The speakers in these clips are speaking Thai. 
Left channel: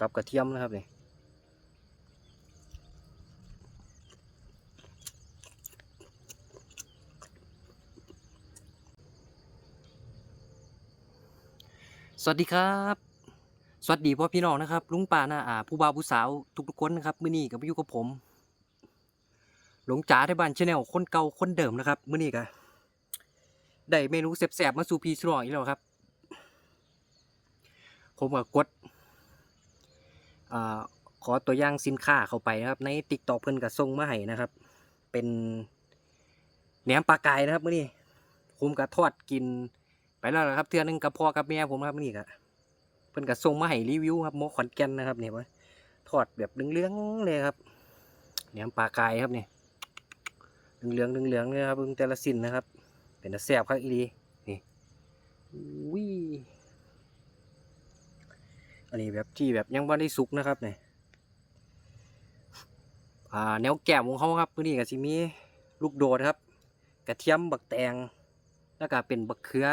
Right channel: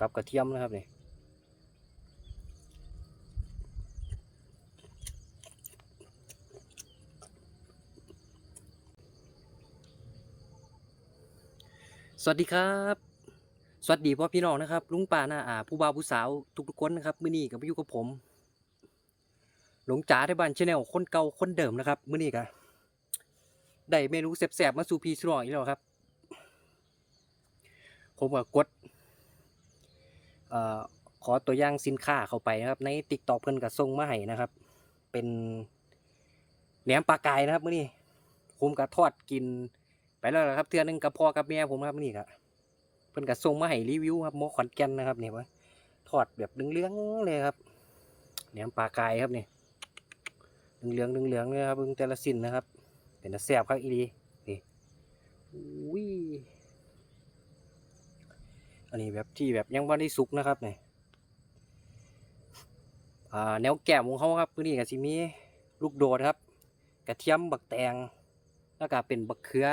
กับกระเทียมนะครับนี่สวัสดีครับ สวัสดีพ่อพี่น้องนะครับ ลุงป้าน้าอาผู้บ่าวผู้สาวทุกๆคนนะครับมื้อนี้ก็มาอยู่กับผม หลงจ๋าที่บ้านชาแนลคนเก่าคนเดิมนะครับมื้อนี้ก็ได้เมนูแซ่บๆมาสู่พี่สุรองอีกแล้วครับ ผมก็กด ขอตัวอย่างสินค้าเข้าไปนะครับ ในติ๊กต็อกเพิ่นก็ส่งมาให้นะครับ เป็นแหนมปลากายนะครับมื้อนี้ผมก็ทอดกินไปแล้วนะครับเทื่อนึงกับพ่อกับแม่ผมครับมื้อนี้ก็เพิ่นก็ส่งมาให้รีวิวครับหมอขอนแก่นนะครับเนี่ยว่าทอดแบบเหลืองๆเลยครับแหนมปลากายครับนี่เหลืองๆเหลืองๆเลยครับเบิ่งแต่ละสิ้นนะครับ เป็นแซ่บครับอีหลีนี่อุ้ย อันนี้แบบที่แบบยังไม่ได้สุกนะครับเนี่ยอ่าแนวแก้มของเขาครับพื้นที่กับซิมีลูกโดดครับ กระเทียมบักแตงแล้วก็เป็นบักเขือ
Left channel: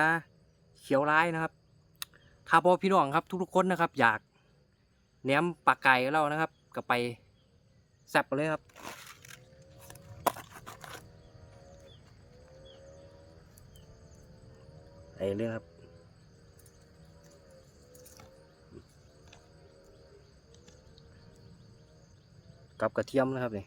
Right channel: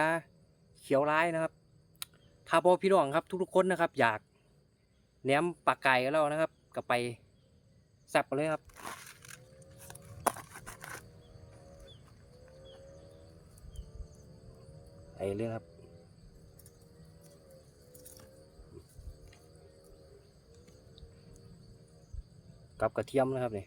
เขียวร้ายนะครับถ้าพ่อพี่น้องครับ ทุกๆคนนะครับ อยากแหนมปลาไก่กับเรานะครับก็ไปแซ่บไปเลยครับไปเลยครับ กับกระเทียมนะครับนี่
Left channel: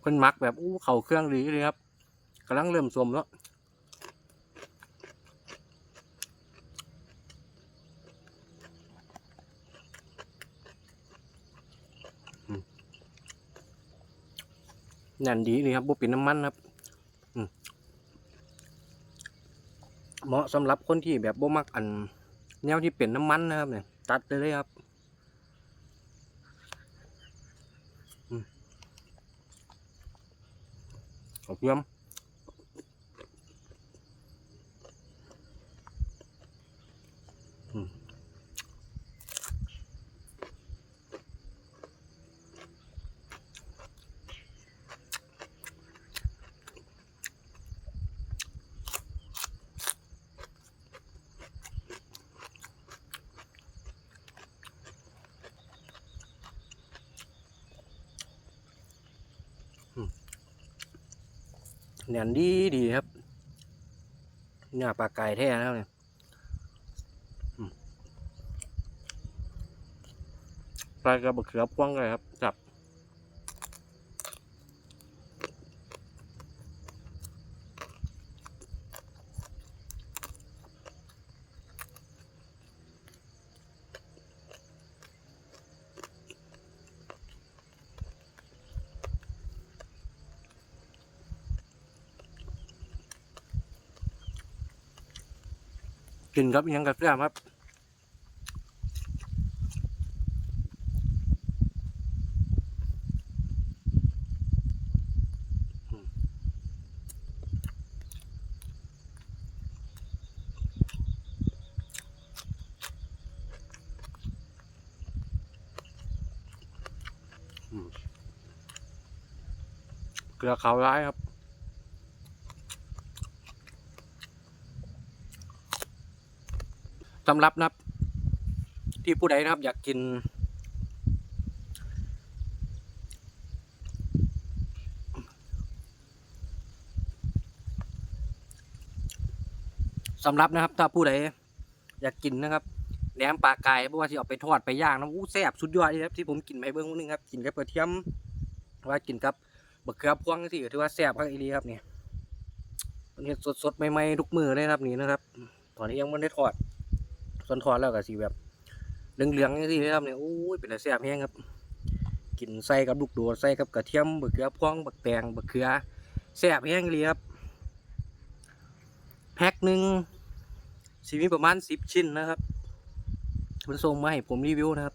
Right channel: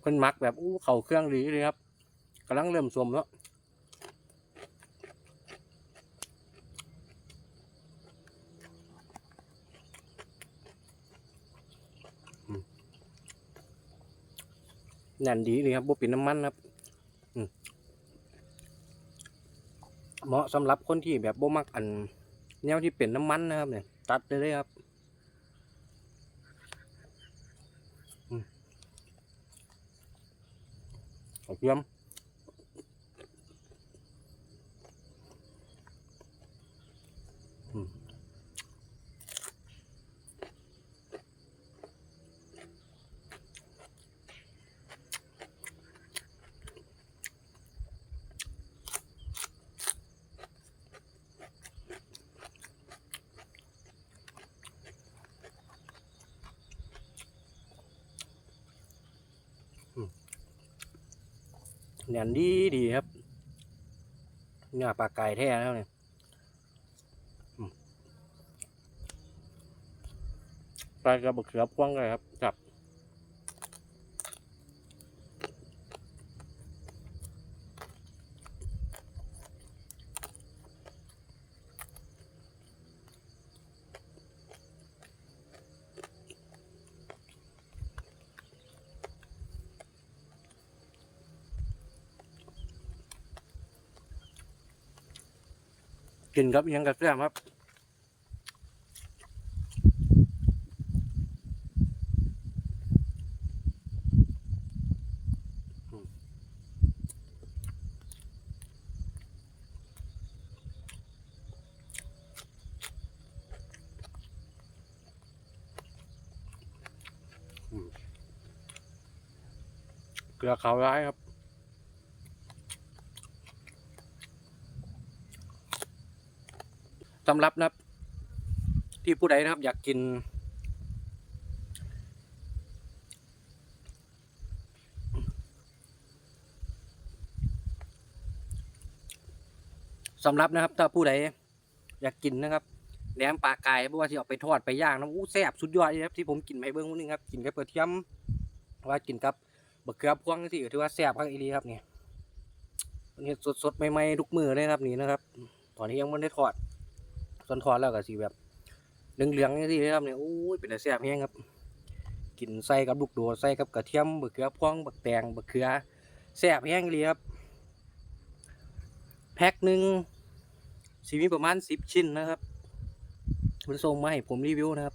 เพิ่นมักแบบอู้เข่าเครื่องดีเลยครับกำลังเริ่มสวมแล้ว แน่นดีเลยครับบ่เป็นน้ำมันครับเหมาะสำหรับคนที่แบบบ่มักอัน แนวที่เป็นน้ำมันนะครับเนี่ยตัดไปเลยครับอืมขอบคุณ แน่นดีดีครับเนื้อปลาไก่แท้นะครับเนี่ยปลากระบอกเขือพวงเลยครับจับ กินครับยังกับเสื้อครับเกลือขาวร้ายครับำรับนะครับ ที่ผู้ใดนะครับ อยากกิน สำรับนะครับ ถ้าผู้ใดอยากกินนะครับแหนมปลาไก่เพราะว่าที่เอาไปทอดไปย่างนะอู้แซ่บสุดยอดเลยครับที่ผมกินไปเบื้องนึงครับกินกับกระเทียมว่ากินกับบักเขือพวงที่ถือว่าแซ่บครับอีหลีครับเนี่ยมันเห็ดสดๆใหม่ๆทุกมือเลยครับนี่นะครับ ตอนนี้ยังไม่ได้ทอด ส่วนทอดแล้วก็สีแบบเหลืองๆนี่สิครับเนี่ยโอ้ยเป็นอะไรแซ่บแห้งครับกินใส่กับลูกโดดใส่กับกระเทียมบักเขือพวงบักแตงบักเขือแซ่บแห้งเลยครับแพ็คหนึ่งสีมีประมาณสิบชิ้นนะครับมันส่งมาให้ผมรีวิวนะครับ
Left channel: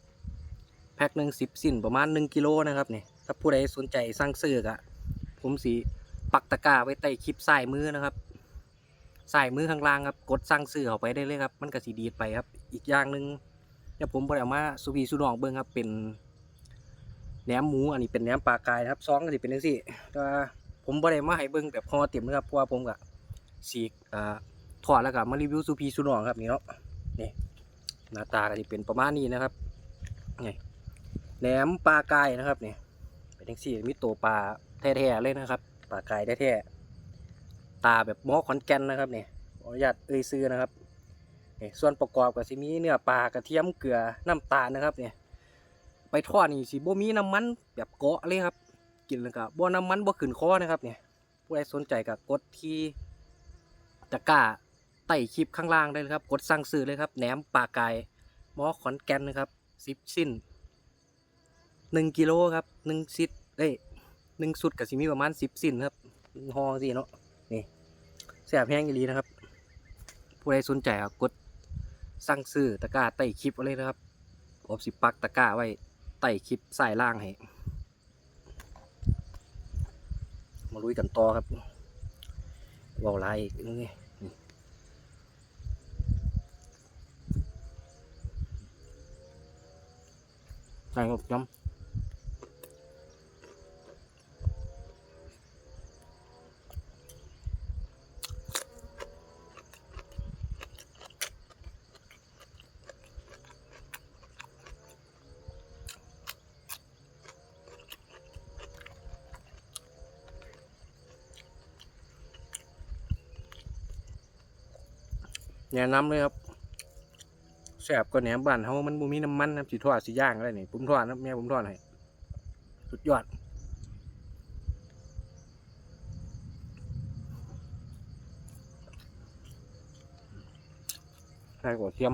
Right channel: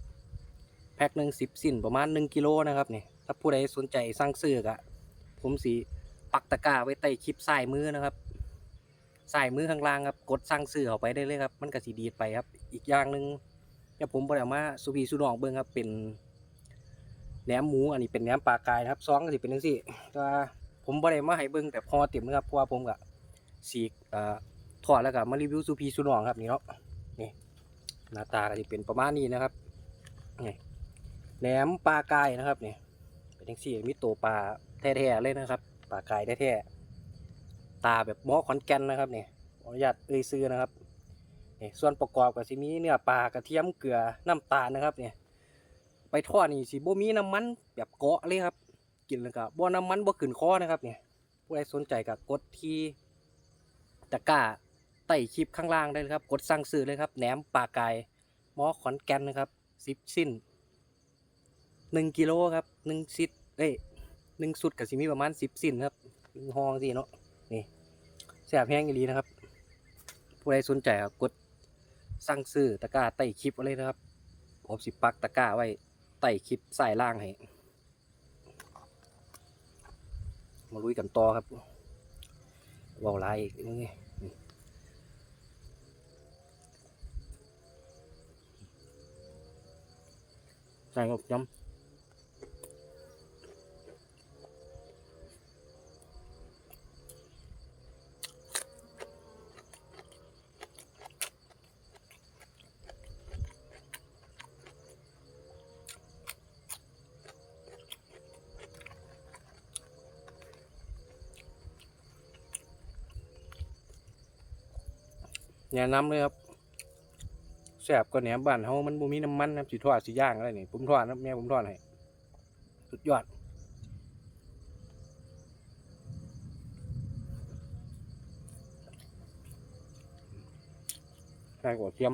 แพ็คหนึ่งสิบชิ้นประมาณหนึ่งกิโลนะครับเนี่ยถ้าผู้ใดสนใจสั่งซื้อกะผมสีปักตะกร้าไว้ใต้คลิปใส่มือนะครับ ใส่มือข้างล่างครับกดสั่งซื้อเข้าไปได้เลยครับ มันก็สิดีดไปครับ อีกอย่างหนึ่งเดี๋ยวผมบ่ได้เอามาสุพีสุนองเบิ่งครับ เป็นแหนมหมูอันนี้เป็นแหนมปลากายนะครับซองก็สิเป็นจังซี่แต่ว่าผมบ่ได้มาให้เบิ่งแบบพอเต็มนะครับเพราะว่าผมก็สีกอ่าทอดแล้วก็มารีวิวสุพีสุนองครับนี่เนาะนี่หน้าตาก็สิเป็นประมาณนี้นะครับนี่แหนมปลากายนะครับนี่เป็นจังซี่มีตัวปลาแท้ๆเลยนะครับปลากายแท้ๆ ตาแบบหมอขอนแก่นนะครับเนี่ขออนุญาตเอ่ยซื้อนะครับนี่ส่วนประกอบก็สิมีเนื้อปลากระเทียมเกลือน้ำตาลนะครับเนี่ยไปทอดนี่สิบ่มีน้ำมันแบบเกาะเลยครับกินแล้วก็บ่น้ำมันบ่ขึ้นคอนะครับเนี่ยผู้ใดสนใจก็กดที่ตะกร้าใต้คลิปข้างล่างได้เลยครับ กดสั่งซื้อเลยครับแหนมปลากายหมอขอนแก่นนะครับสิบสิ้นหนึ่งกิโลครับหนึ่งซิดเอ้ยหนึ่งสุดก็สิมีประมาณสิบสิ้นครับหองสิเนาะ แสบแห้งอีหลีนะครับ ผู้ใดสนใจครับกดสั่งซื้อตะกร้าใต้คลิปเอาเลยนะครับผมสิปักตะกร้าไว้ใต้คลิปใส่ล่างให้มาลุยกันต่อครับว่าลายอีกนี่นี่ใส่กับย้ำ นะนำเลยครับแซ่บก็แหนมบ้านเฮามันบ่มีน้ำมันนะสิทอดสิย่างอะไรนี่ผมทอดนะแม่ผมทอดให้สุดยอดใช่กว่าเทียม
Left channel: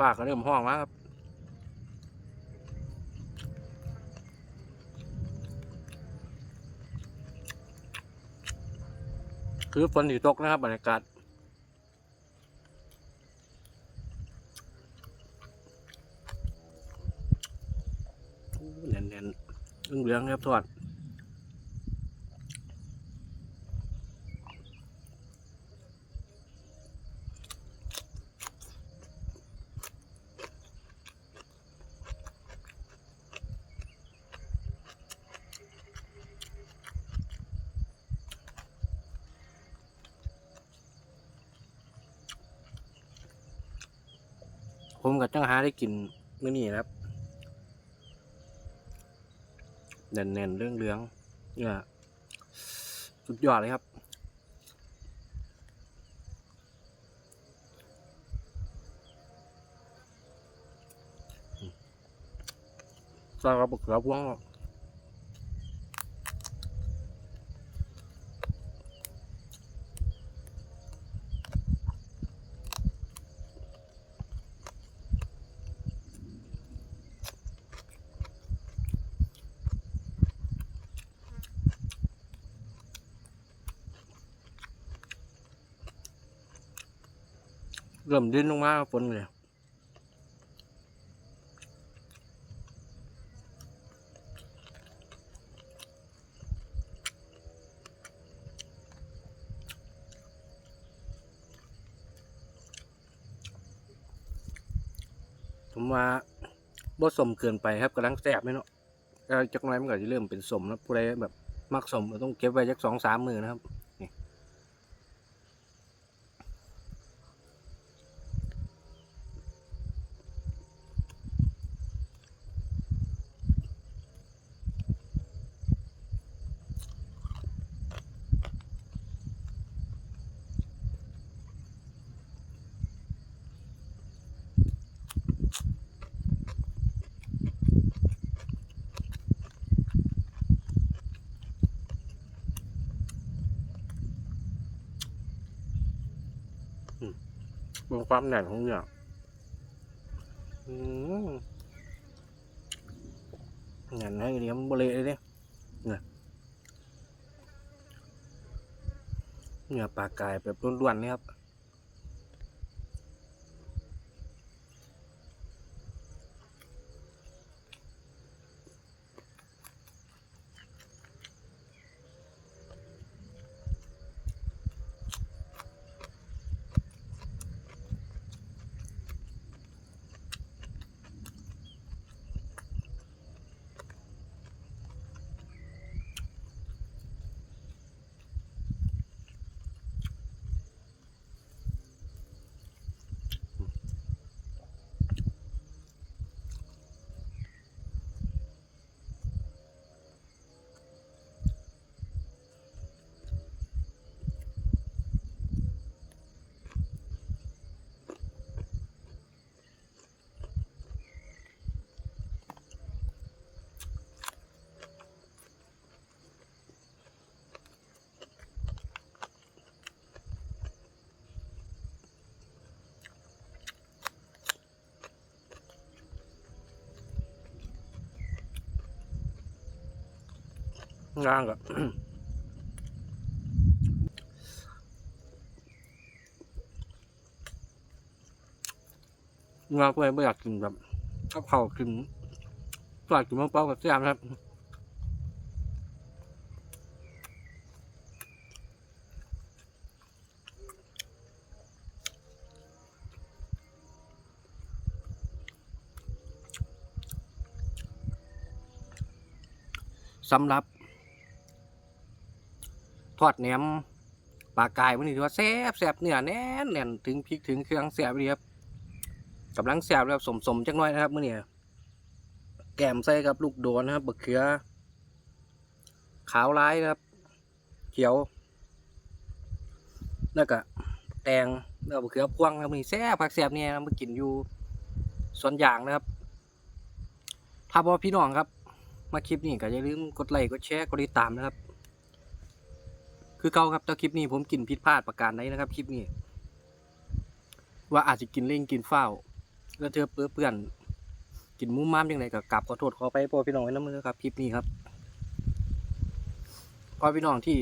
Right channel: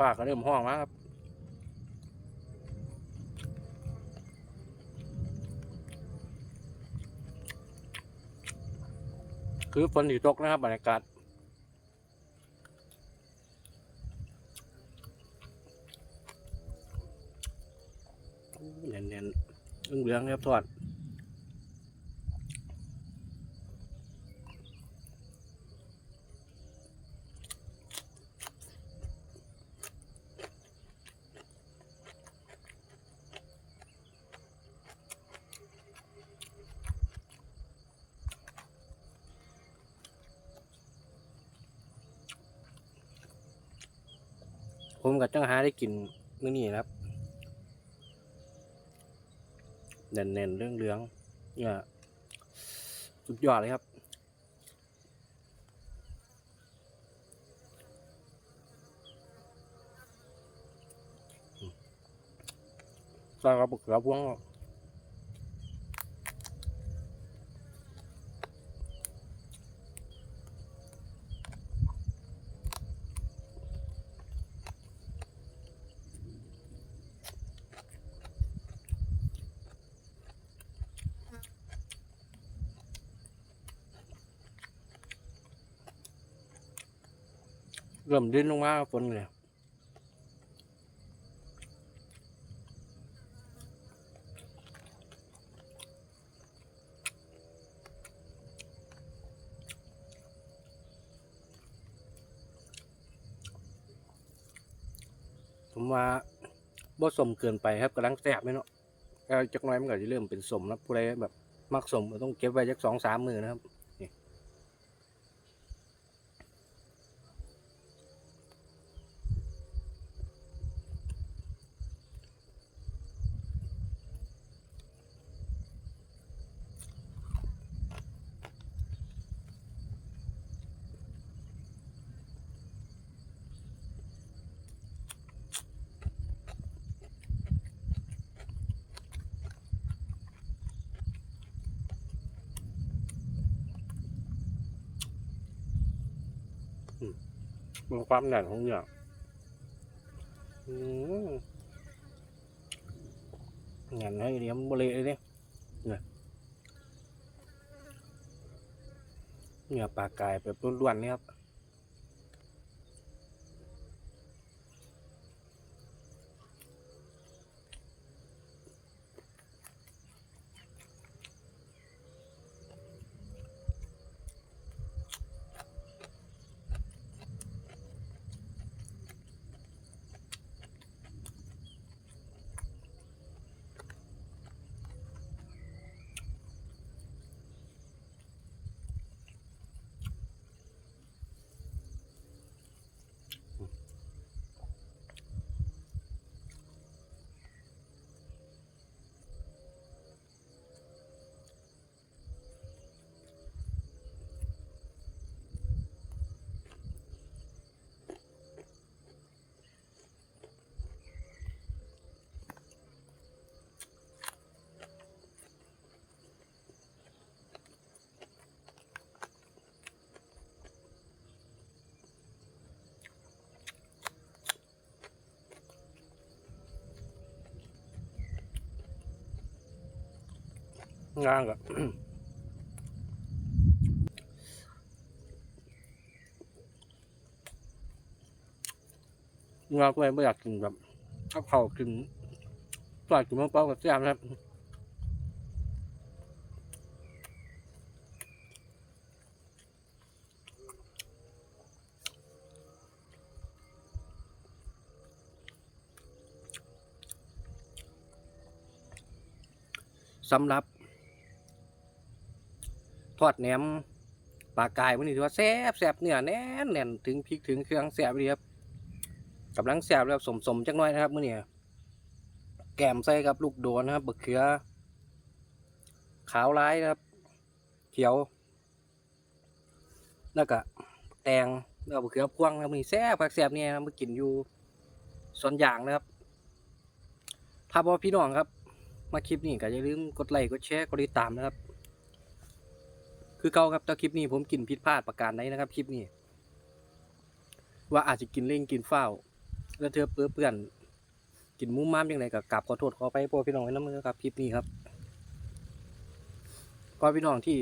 ปากก็เริ่มห้องแล้วครับคือฝนอยู่ตกนะครับบรรยากาศเน่นเน่นๆเหลืองครับทอด ผมกับจังหาได้กินมื้อนี้ครับเน่นเน่นๆเรื่องเรื่องเนี่ยสุดยอดเลยครับใส่กระปุกกระพวง เริ่มดิ้นลงมาฝนเลยผมว่าบ่สมเกินไปครับกำลังแซ่บไหมเนาะจักน้อยมันก็จะเริ่มเป็นสมแล้วผู้ใดแบบมักสมก็ต้องเก็บไว้จักสองสามมือนะครับ มันความแน่นของเนื้อืมแน่นให้เลี้ยมบริเลยเนี่ยเนี่ยเนื้อปลากายแบบล้วนๆเลยครับ งางกับงาก็ไม่อยากกินแบบข้าวเผากินฝากกินมะเป้ากับแซ่บนะครับสำหรับ ทอดแหนมปลากายมันนี่ถือว่าแซ่บแซ่บเนื้อแน่นแน่นถึงพริกถึงเครื่องแซ่บดีครับกำลังแซ่บแล้วสมสมๆจักหน้อยนะครับมื่อนี้แกมใส่กับลูกโดนนะครับบะเขือ ขาวร้ายนะครับ เขียวแล้วก็แตงแล้วก็บะเขือพวงนะครับมื่อนี้แซ่บผักแซ่บเนี่ยมากินอยู่ส่วนยางนะครับถ้าบอพี่น้องครับ มาคลิปนี้ก็อย่าลืมกดไลค์กดแชร์กดติดตามนะครับ คือเก่าครับแต่คลิปนี้ผมกินผิดพลาดประการใดนะครับ คลิปนี้ ว่าอาจจะกินเล่งกินเฝ้า แล้วเธอเปื้อเปื่อนกินมุ้มม้ามยังไงก็กราบขอโทษขอไปพ่อพี่น้องไว้น้ำมือครับคลิปนี้ครับพ่อพี่น้องที่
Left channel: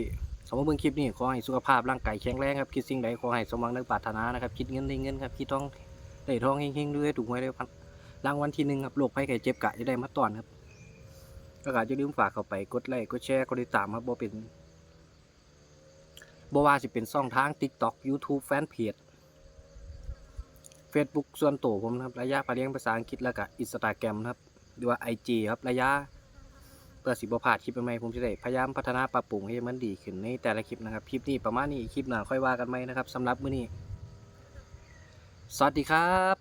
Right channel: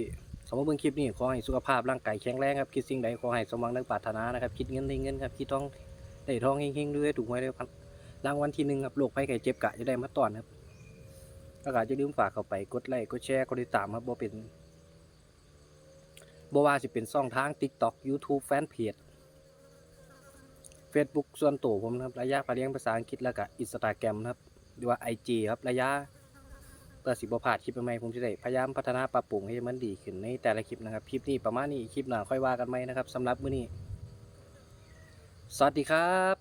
สมมติเบิ่งคลิปนี้ขอให้สุขภาพร่างกายแข็งแรงครับคิดสิ่งใดขอให้สมหวังดังปรารถนานะครับคิดเงินได้เงินครับคิดทองได้ทองเฮงๆด้วยถูกหวยได้พันรางวัลที่หนึ่งครับโรคภัยไข้เจ็บกะจะได้มาต้อนครับแล้วก็อย่าลืมฝากเข้าไปกดไลค์กดแชร์กดติดตามครับบ่เป็น บ่ว่าสิเป็นช่องทาง TikTok YouTube Fanpage Facebook ส่วนตัวผมนะครับระยะพาเลี้ยงภาษาอังกฤษแล้วก็ Instagram นะครับหรือว่า IG ครับระยะเพื่อสิบ่พลาดคลิปใหม่ผมจะได้พยายามพัฒนาปรับปรุงให้มันดีขึ้นในแต่ละคลิปนะครับคลิปนี้ประมาณนี้คลิปหน้าค่อยว่ากันไหมนะครับสำหรับมื้อนี้ สวัสดีครับ